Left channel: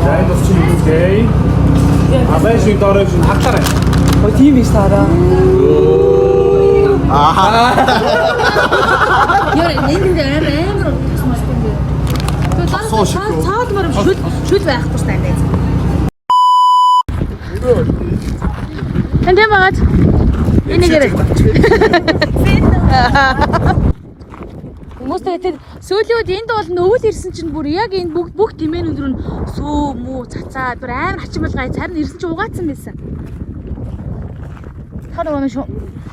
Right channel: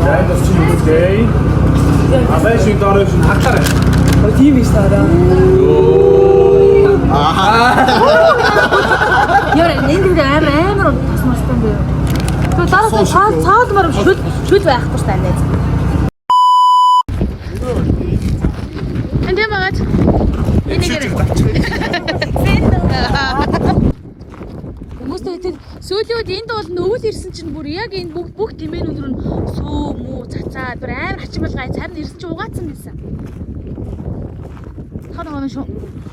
Яа бас чи үстэй. Асаа шиг дөрөв шин хатараа. Тийм биш таараа. Яа, нэг амар тасмастай. Тэр дараа цаалмаар шүл байхгүй шүү дээ. Тэнтэй багаж. Энийгээр. Хүмүүстэй тэр сүүлийн үед энд бол өвөл ирсэн чинь бүр яг энэ бүх тэмээн өндөр нь сүү мүү цацаад бүр амар хачмал гай царн ирсэн чинь угаацсан байсан. Хараа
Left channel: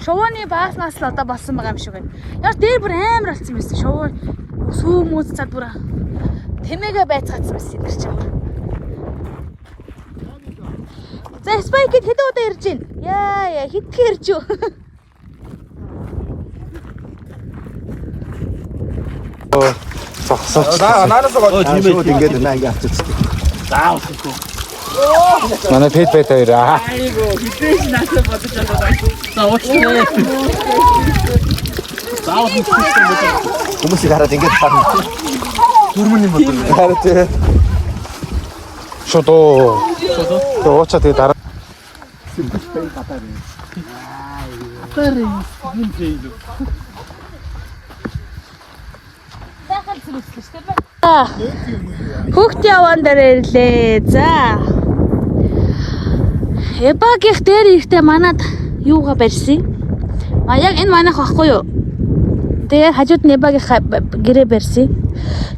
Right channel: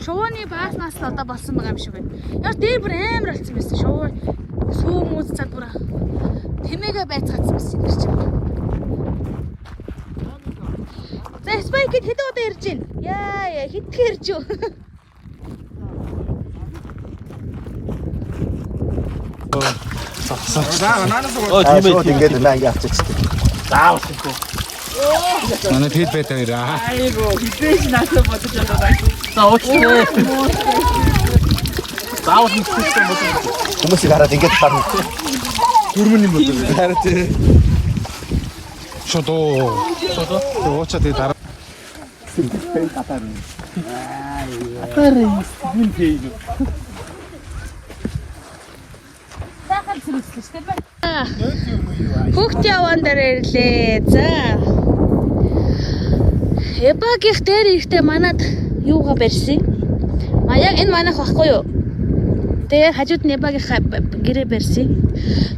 шувууны бааснаас л одоо болсон байгаа юм шиг байна. Яг дээр бүр амар болсон байсан. Шувуу сүү мүү цацаад бүр тэмээгээ байцгаацсан байсан юм чинь. За спайкэд хэд удаа ирж байна? Яа хитгэн ирж юу? Наанаас гоо ингээд ланг явчихчих. Манай пэт бэт хоёраа. Айгу хитэж наасаа бодож байгаа. За уучлаарай. Заавал хитэж байгаа. Хүмүүс хараад ингээд харна. Дөрмөний мод. Хараад тий. Шодоо. Тоочоо тэ дараа. Хүүхд яван дээр ирлээ. За. Эбагийнх дээр ихтэй манад юугаа барьсан? Яг энэ манайх байхгүй юу? Тэгээ хажууд нь эбагийнхаа гэрээ барьсан.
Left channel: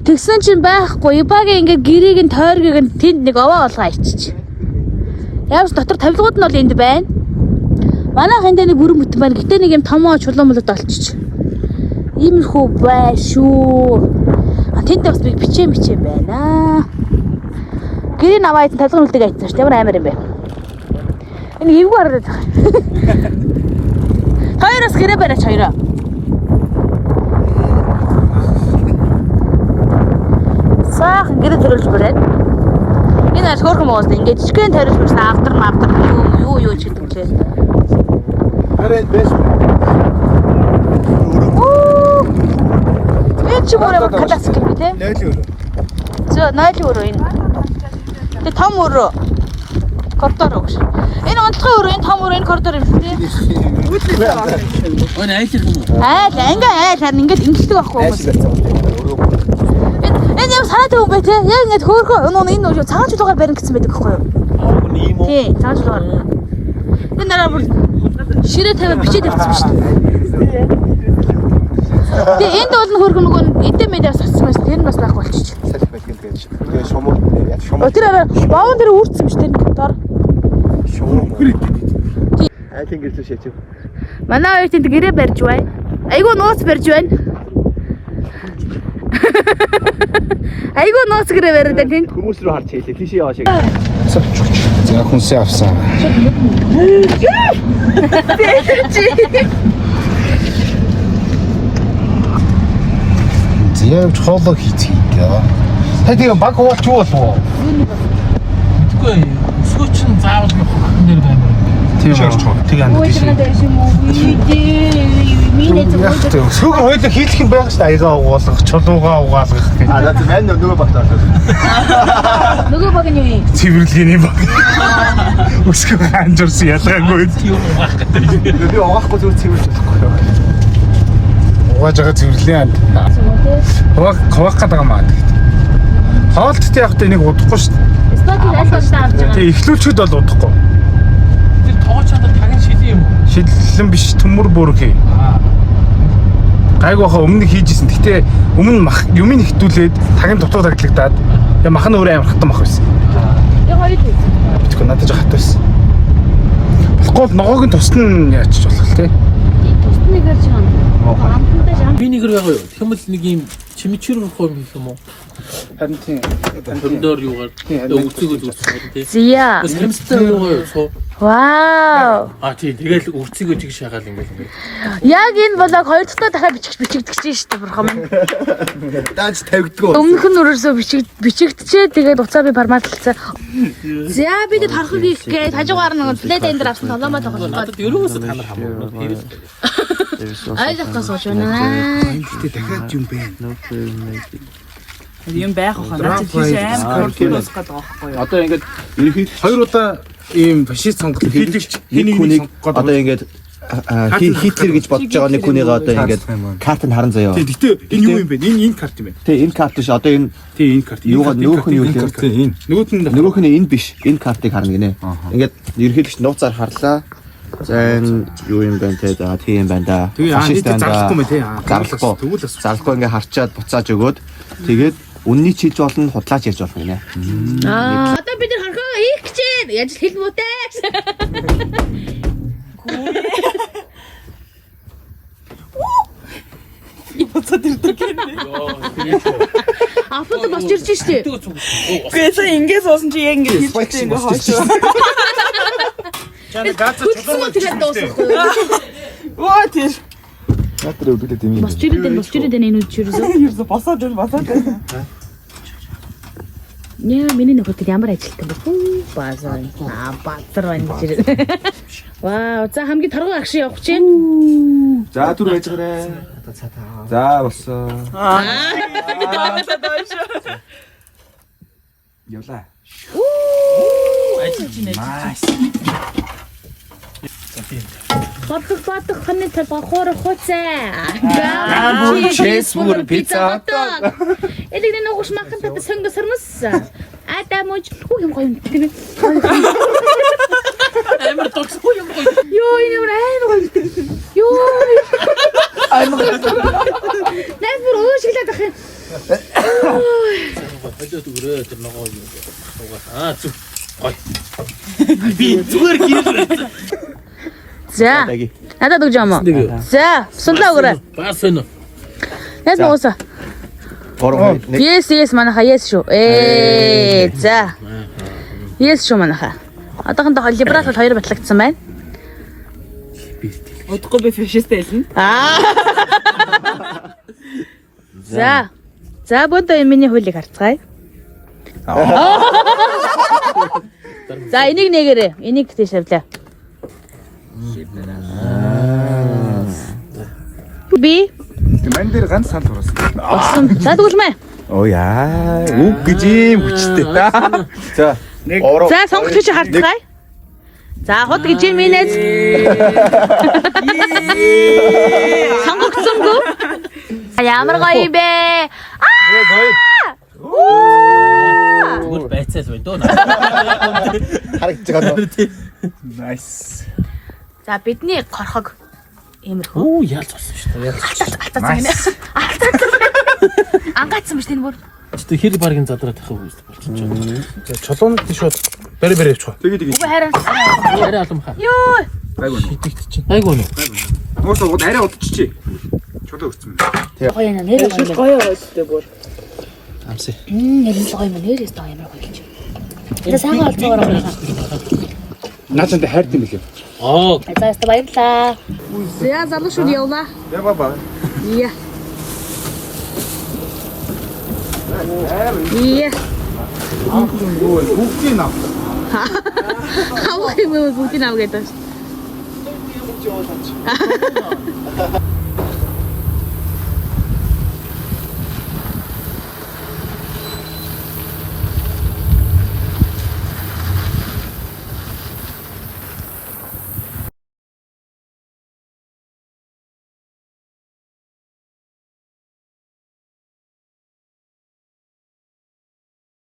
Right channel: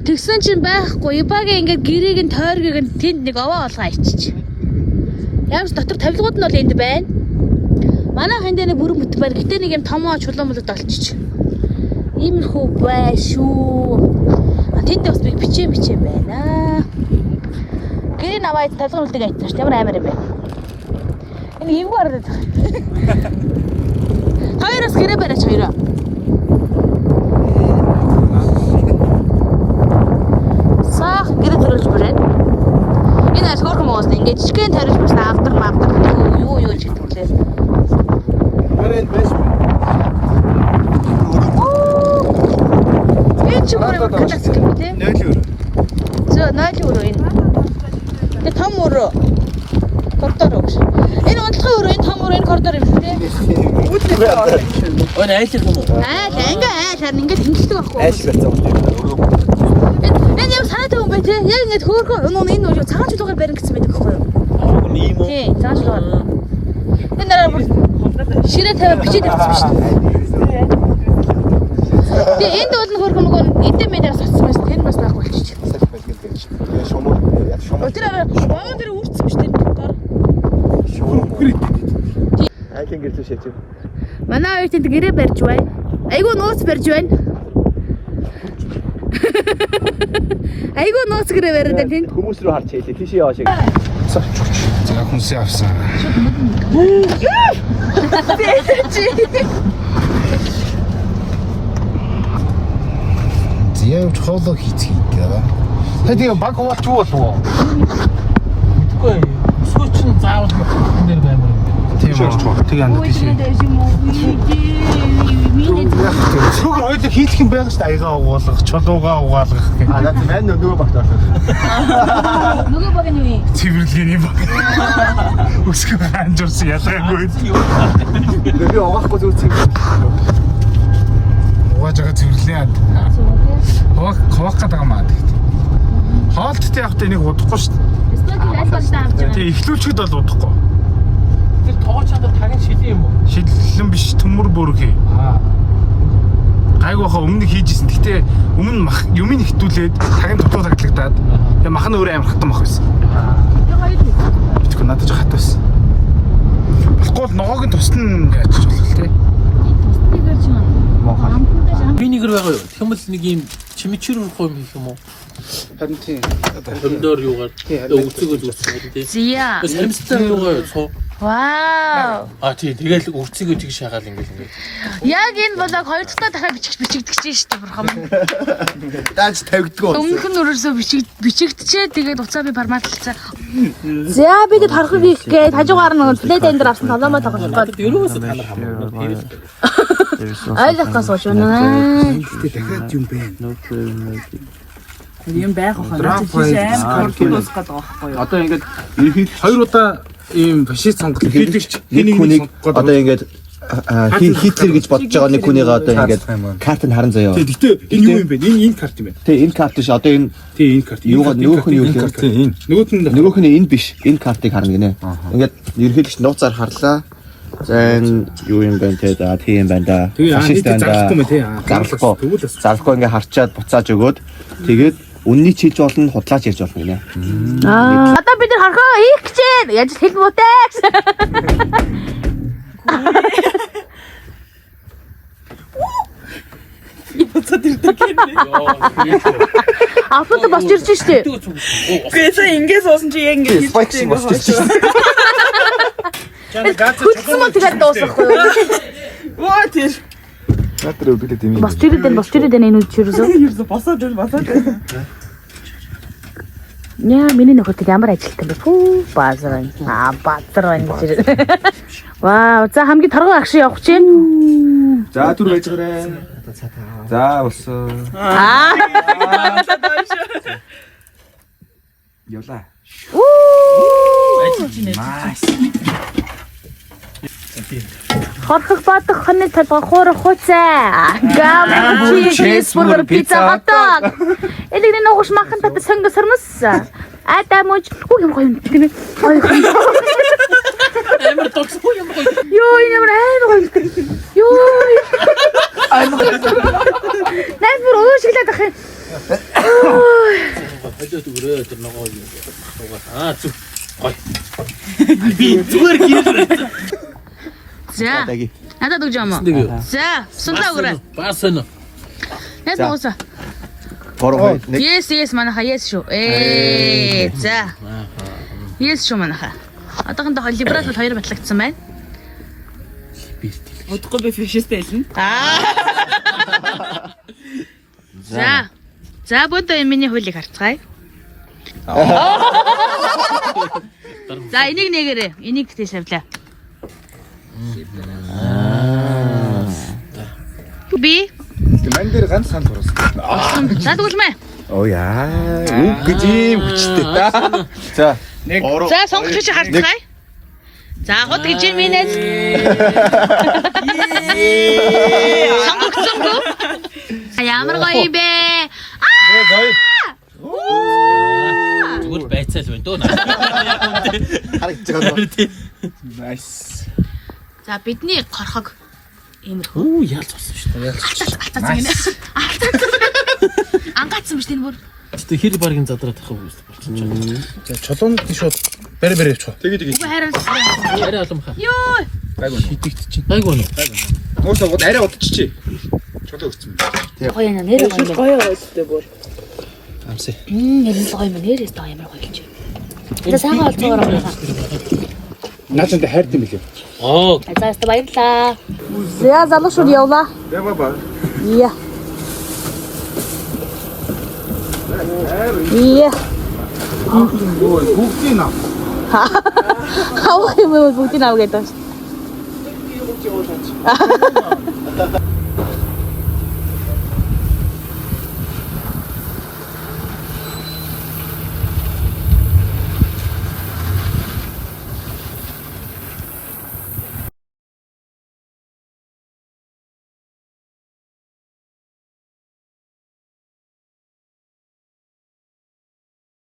Тэгсэн чинь байхгүй. Эбагийн ингээд гэрийг нь тойргийг нь тэнд нэг овоо олгоо ичиж. Явж дотор тавилгууд нь бол энд байна. Манайх энд нэг бүрэн бүтэн байна. Гэтэ нэг юм томоо чулуун молод олчих. Иймэрхүү бай шүү. Тэнд бас би бичээ байна. Гэрийн аваад тавилгын үлдэг айтсан шүү. Ямар амар юм бэ? Энэ эвгүй хараад байгаа. Хоёроос гэрээ барьж хоёроо. Саахан гэрээ төрүүлж барай. Энэ аль хөөрхөн моосны ингээд жижигхэн тарилж барьсан автар юу ч гэдэг лээ. Хараад бэс. Энэ ч мөрөө классик юм тий. Нойлоо. За нойлоо өрөө энэ. Тэгээ том өрөө. Коридор өгш. Энэ унтлагын өрөө энэ том өрөө энэ коридор юм тий. Ой айлх юм уу? Ингээ харин ингээд хэмждэг байхгүй юу? Өрөө. Энэ яг сайд юм бэ тий. Яг ингээд хөөхөн энэ өрөө цагаан чулуугаар барин гэсэн байдаг байхгүй юу? Ийм үү? Тий, цагаан чулуугаар. Энэ дараа бүр ширээ тавиад бичиж тавьчихсан шүү дээ. Тэгээ энд бол хөргөн нөгөө эдэн мэдээс татсан байсан. Энэ бас байх болчих. Тэр боон дээр үрцсэн биш тэр дор. Айлын гэрэл шээч. Манай хоёр тэнд гэрээ барьж байна. Айгуу нууц барьж байна. Айгуу нууц гэрээ барьж байна тэнд. Хүмүүс рүү харж хэлээ. Тийш яваа шиг. За хүнсээ авсан. Зяавч хоолоо хийцгээе. Та тийм баг хуваалч юу болов уу? Үгүй сүүчин заавал нэр баймар. Тийм үү. Тэг андаа. Сүг хоёул хийх юм байх шүү дээ. Аягаа угаалгах, чулуугаа угаалгах гэх. За мань нөгөө багтаа. Нөгөө баг нь юу юм? Цэвэрлэгийн баг. Өсгөө анжирсан ялгаагүй. Нөгөө угаахгүй зүг цэвэр. Угааж байгаа цэвэрлээ. Хуваах гэдэг юм аа. Хоолттой явахдаа энийг удахгүй шүү дээ. Стокийг айлгуултаа авч байгаа. Тэг ихлүүлчүүд бол удахгүй. Тэр тоогооч одоо тагын шилэн юм уу? Шилэн биш төмөр бүрхий. Гайгүй хаа өмнө хийжсэн. Гэтэ өмнө юмыг нэхтүүлээд тагийн дутуу таглагдаад яа махны өөр амар хатан мах байсан. Яг хоёр. Битгүү надад жоо хат байсан. Болохгүй л ногоог нь тусна яачих болох те. Тусныгаар ч юм. Амттай шам. Минигэр байгаа юу? Тэгм л нэг юм чимичэр мөх юм хийх юм уу? Харин тийм. Коридор юугаар өгцөгөө зүрх тий. Зя. Саримстай юугаар суу. Вау. Тий тэгэл өгцөгөө чиг шагаал ингээл. Яг энэ болог хоёр дахь дахиад бичигдэж шүү дээ бурхан минь. Дааж тавигдгоо. Өмнөх нь өрөөсөө бичигдчихээ тэгээд уцаа би форматлцсан. За би тэд харахыг их гээд хажуугаар нэг плейт эндэр авсан толомоо тоглох гээд. Ерөөсөө та нар хамаагүй хийвэл. Ойлгохгүй сууж байна. Гэтэ дахиад юм бэ. юм байх хаа. Наач тийш амар хурдан дуусах гэдэг байхгүй юу? Одоо ингээд хоёр удаа ийм фашист сонголт хийлэгч нэг хүнийг одоо ингээд Хитлер гэж бодож байгаа нэг хүнийг одоо ингээд карт нь харан заяа. Гэтэ энэ юу юм бэ? Энэ карт юм байна. Тэ энэ карт биш одоо энэ энэ карт. Юугаар нөгөөх нь юу вэ? Энэ. Нөгөөх нь энэ биш. Энэ картыг харна гинэ. Ингээд ерөнхийдөө нууцаар харлаа. За энэ юу юм бэ те да тийм байна да. Фашист байна да. Зарлахгүй. Зарлахгүй ингээд харчаад буцааж өгөөд тэгээд үнний чилж болно, худлаач ярьж болно гинэ. Одоо бид нар хорхоо хийх гэж байна. Яаж хэл муутай. Аппад бас ирж штэ. Гэхдээ ингэж суусан чи яг ингэж хэлчихсэн юм байна. Хүчсэн мөн тэгээд дуусахгүй юу? Оо тийш. Натруу билээ тийм юм. Бас тэрдэн энэ үчирсөө. Ерөөсө босоод. Яа, миний нөхөд ямар ажилтсан бэ? Фүү, базар. Базар энэ. Вау, за хамгийн торгон агш явах чинь. За түр байж гараа. За болсон. Явлаа. Ажилч нэ. Хорхох бадах ханы талбай хуурах хуцаа. Гам чизбургер пицца хот. Элэгний ногош махан тат сонгос сармас. Ада мууч юм гоё юм тийм ээ. Амар токс юм гоё. Йоо энэ амар гоё. Йоо. Намир уушиглаад ах юм. хажууд өрөө тэр ногоо юу суугаа. Зүг. Гой. Би зүгээр гэрэл. За. Надад өгч юм уу? За, сунлаа өгөрэй. Бас энэ. Яс нуусаа. Yes манаха yes шүү. За. Yes шүү манаха. Одоохондоо либерал бол хоёр батлагдсан байна. Удахгүй би фашист байсан. За. За бодоо миний хуулийг харцгаая. За энийг нэгээрээ. Энийг тийш авлаа. Би Мань дээр ганц санал хүрсэн. болсон. За тэгвэл Оо яа. Үг гэж юм хүчтэй та. За. Нэг. За сонгогч чи харцгаая. За хот гэж юм инээс. Сонгогцсон гоо. Ямар гоё юм бэ? Зүгээр байцаас байна дөө. Харагдаж байгаа. Nice. За бидний горхог иймэрхүү. Оо яаль болсон шүү дээ. Алтаасан гинэ. Ангаацсан биш энэ бүр. Тэ хэр баргийн задраад тахав үст болчихж байгаа. За чулуун шууд бэр явчих. Тэгээд Үгүй харин. Арай олон хаа. Йоо. Шидэгт чинь. Гайгүй нөө. Муусаа гол арай удчихжээ. Чулуу өгсөн. Гоё яна нэр гоё. Гоё ойлтой бүр. Амсаа. Нэр гоё юм нэрээс гоё юм гоё юм. За сайхан олцоогоор байна. Наачанд хайрт юм билээ. Аа. За яста баярлаа. За залуу шүү явлаа. Яа баба. Iya. Iya. Бүгдийг нав. Хаваа юм бүгдийг аваад.